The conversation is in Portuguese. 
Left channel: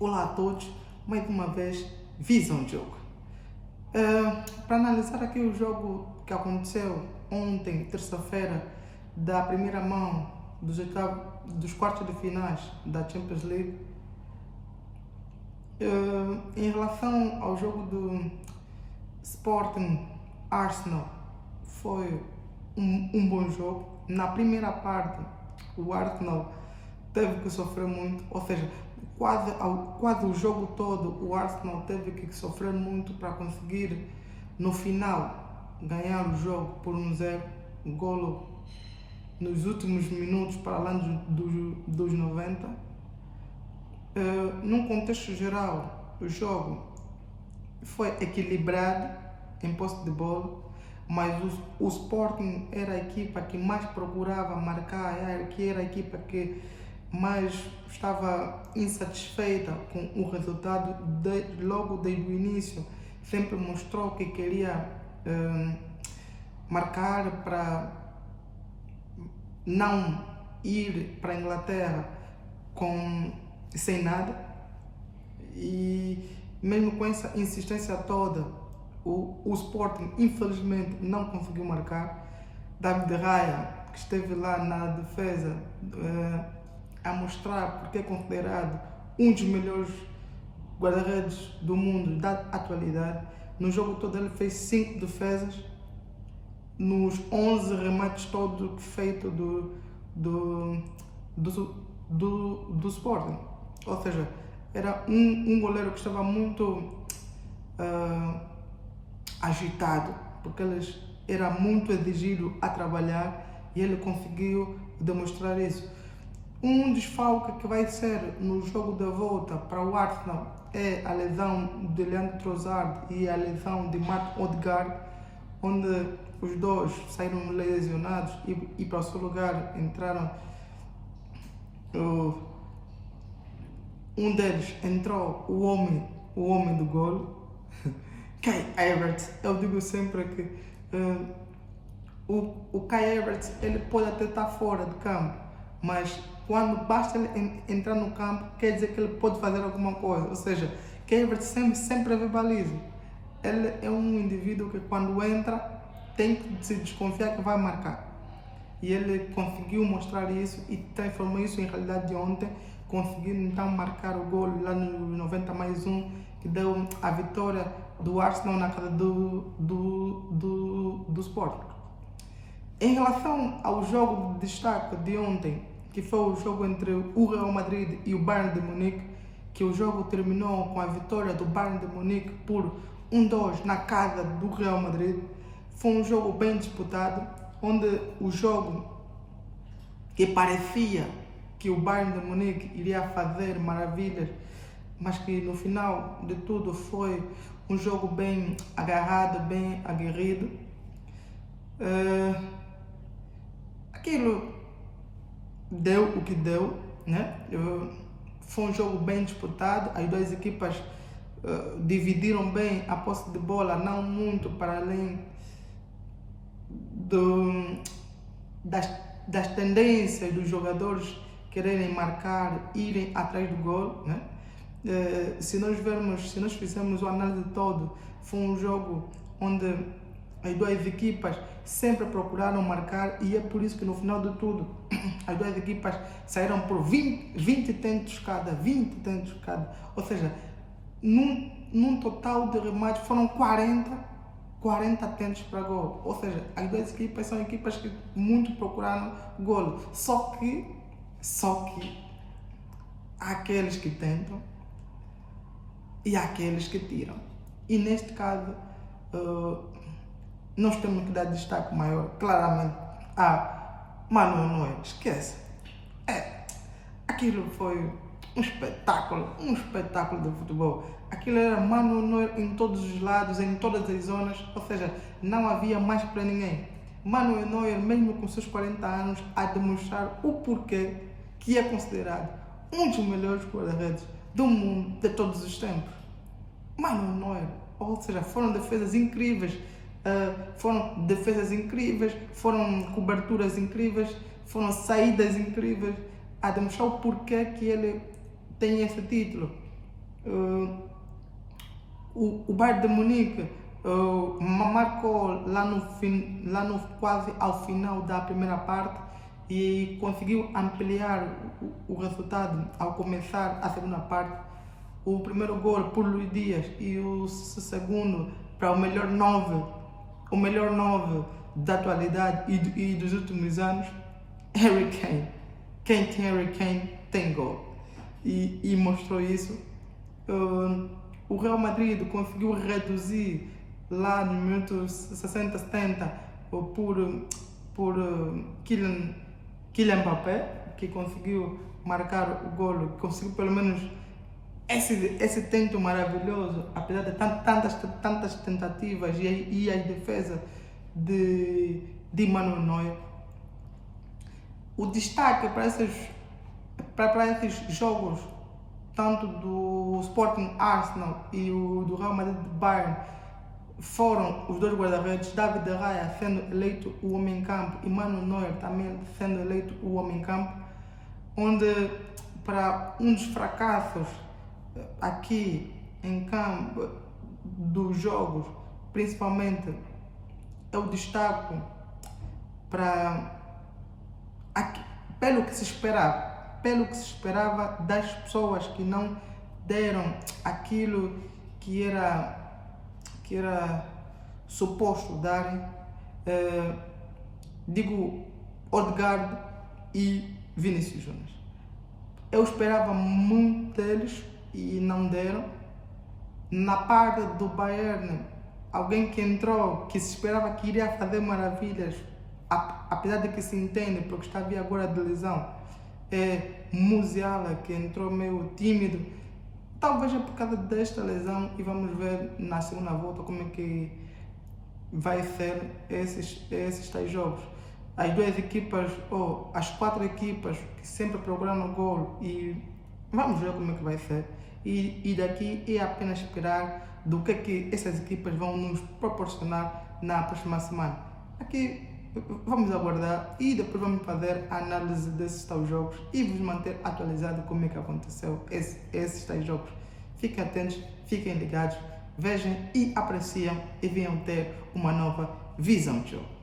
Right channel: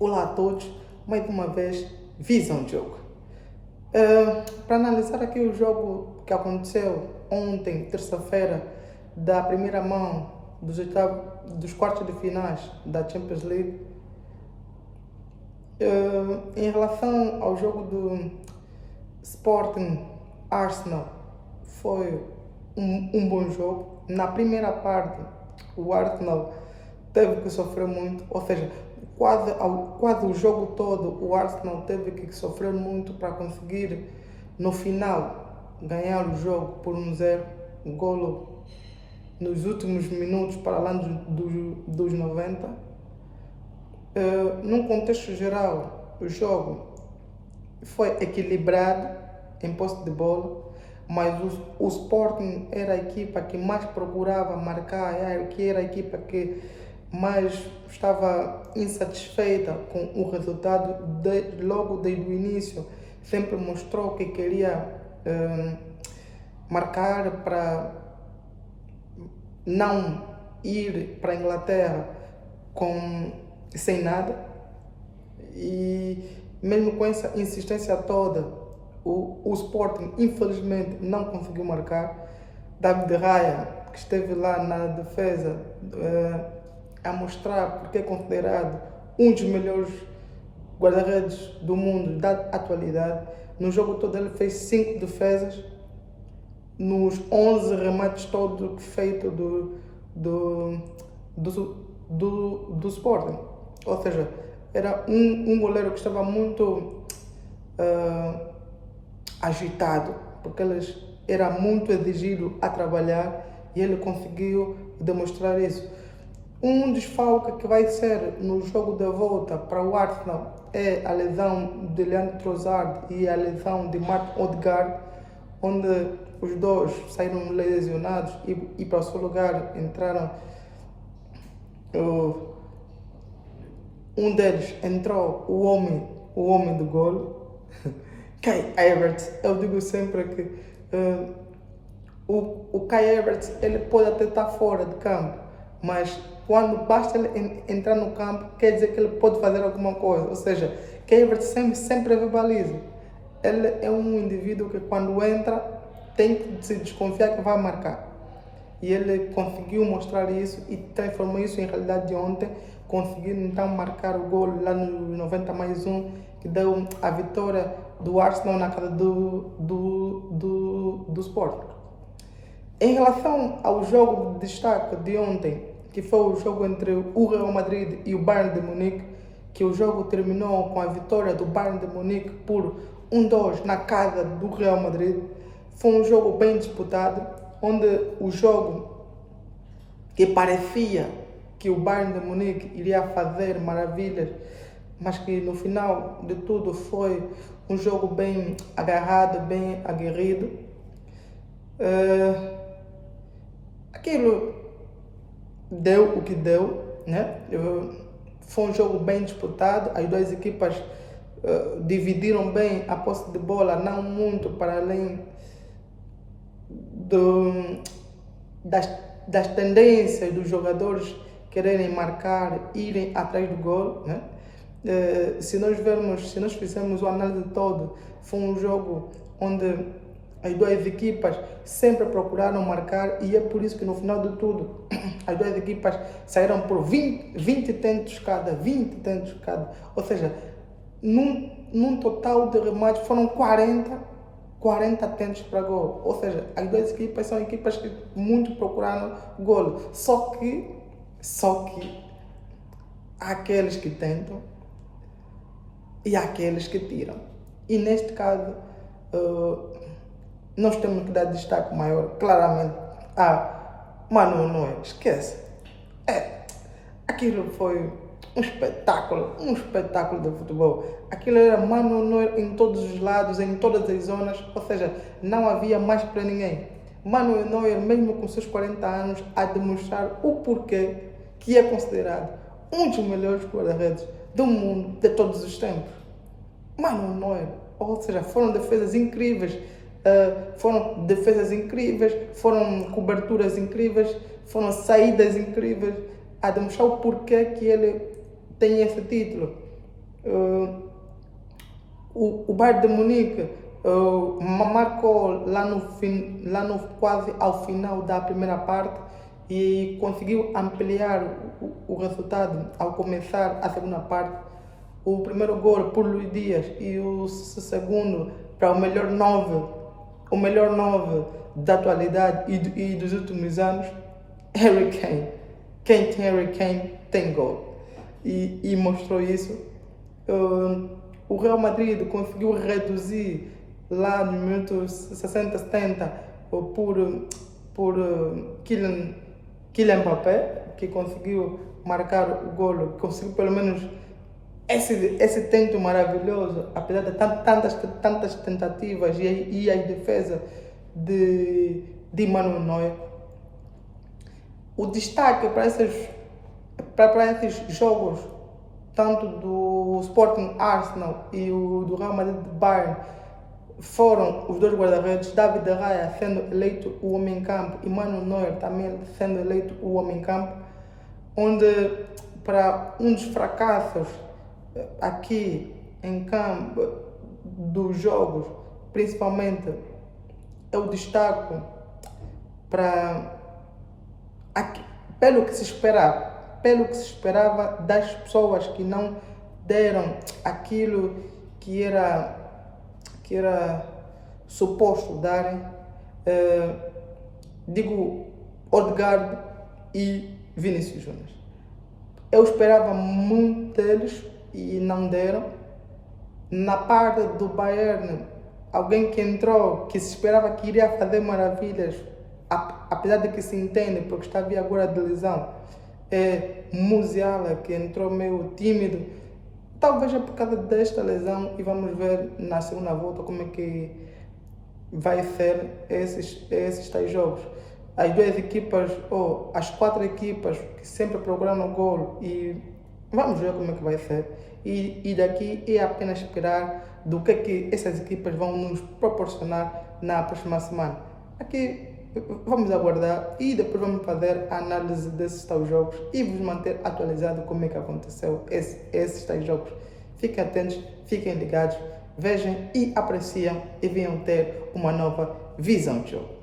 Olá a todos, mais uma vez, Visão de Jogo. Para analisar aqui o jogo que aconteceu ontem, terça-feira, da primeira mão dos quartos de finais da Champions League, em relação ao jogo do Sporting Arsenal, foi um bom jogo. Na primeira parte, o Arsenal teve que sofrer muito, ou seja, quase o jogo todo o Arsenal teve que sofrer muito para conseguir, no final, ganhar o jogo por 1-0, golo nos últimos minutos, para lá dos 90. Num contexto geral, o jogo foi equilibrado em posse de bola, mas o Sporting era a equipa que mais procurava marcar, era a equipa que mais estava insatisfeita com o resultado logo desde o início. Sempre mostrou que queria marcar para não ir para a Inglaterra sem nada, e mesmo com essa insistência toda, o Sporting infelizmente não conseguiu marcar. David Raya, que esteve lá na defesa, a mostrar porque é considerado um dos melhores guarda-redes do mundo da atualidade. No jogo todo ele fez 5 defesas, nos 11 remates todos feitos do Sporting. Ou seja, era um goleiro que estava muito agitado, porque ele era muito exigido a trabalhar, e ele conseguiu demonstrar isso. Um desfalque que vai ser no jogo da volta para o Arsenal é a lesão de Leandro Trossard e a lesão de Martin Odegaard, onde os dois saíram lesionados, e para o seu lugar entraram. Um deles entrou o homem do golo, Kai Havertz. Eu digo sempre que o Kai Havertz ele pode até estar fora de campo, mas quando basta ele entrar no campo, quer dizer que ele pode fazer alguma coisa. Ou seja, Kai Havertz sempre vê baliza. Ele é um indivíduo que quando entra tem que se desconfiar que vai marcar. E ele conseguiu mostrar isso e transformou isso em realidade de ontem, conseguindo então marcar o gol lá no 90+1, que deu a vitória do Arsenal na casa do Sporting. Em relação ao jogo de destaque de ontem, que foi o jogo entre o Real Madrid e o Bayern de Munique, que o jogo terminou com a vitória do Bayern de Munique por 1-2 na casa do Real Madrid. Foi um jogo bem disputado, onde o jogo que parecia que o Bayern de Munique iria fazer maravilhas, mas que no final de tudo foi um jogo bem agarrado, bem aguerrido. Aquilo deu o que deu, né? Foi um jogo bem disputado, as duas equipas dividiram bem a posse de bola, não muito para além das tendências dos jogadores quererem marcar, irem atrás do gol, né? Se nós fizermos o análise todo, foi um jogo onde as duas equipas sempre procuraram marcar, e é por isso que no final de tudo as duas equipas saíram por 20 tentos cada, ou seja, num total de remates foram 40 tentos para gol. Ou seja, as duas equipas são equipas que muito procuraram gol. Só que há aqueles que tentam e há aqueles que tiram. E neste caso, nós temos que dar destaque maior, claramente, a Manuel Neuer. Esquece. Aquilo foi um espetáculo de futebol. Aquilo era Manuel Neuer em todos os lados, em todas as zonas, ou seja, não havia mais para ninguém. Manuel Neuer, mesmo com seus 40 anos, a demonstrar o porquê que é considerado um dos melhores guarda-redes do mundo de todos os tempos. Manuel Neuer, ou seja, foram defesas incríveis, foram coberturas incríveis, foram saídas incríveis, a demonstrar o porquê que ele tem esse título. O Bayern de Munique marcou lá no quase ao final da primeira parte e conseguiu ampliar o resultado ao começar a segunda parte. O primeiro gol por Luís Dias e o segundo para o melhor 9 da atualidade e dos últimos anos, Harry Kane. Quem tem Harry Kane tem gol. E mostrou isso. O Real Madrid conseguiu reduzir lá no minuto 60, 70 por Kylian Mbappé, que conseguiu marcar o golo, conseguiu pelo menos esse tento maravilhoso, apesar de tantas tentativas e a defesa de Manuel Neuer. O destaque para esses jogos, tanto do Sporting Arsenal e do Real Madrid Bayern, foram os dois guarda-redes, David de Gea sendo eleito o homem em campo e Manuel Neuer também sendo eleito o homem em campo, onde para um dos fracassos aqui em campo dos jogos, principalmente, eu destaco pelo que se esperava das pessoas que não deram aquilo que era suposto darem, digo Odegaard e Vinícius Júnior. Eu esperava muito deles e não deram. Na parte do Bayern, alguém que entrou, que se esperava que iria fazer maravilhas, apesar de que se entende, porque está via agora de lesão, é Musiala, que entrou meio tímido. Talvez é por causa desta lesão e vamos ver na segunda volta como é que vai ser esses tais jogos. As duas equipas, ou as 4 equipas que sempre procuram o gol, e vamos ver como é que vai ser. E daqui é apenas esperar do que essas equipas vão nos proporcionar na próxima semana. Aqui vamos aguardar e depois vamos fazer a análise desses tais jogos e vos manter atualizado como é que aconteceu esses tais jogos. Fiquem atentos, fiquem ligados, vejam e apreciam e venham ter uma nova visão de jogo.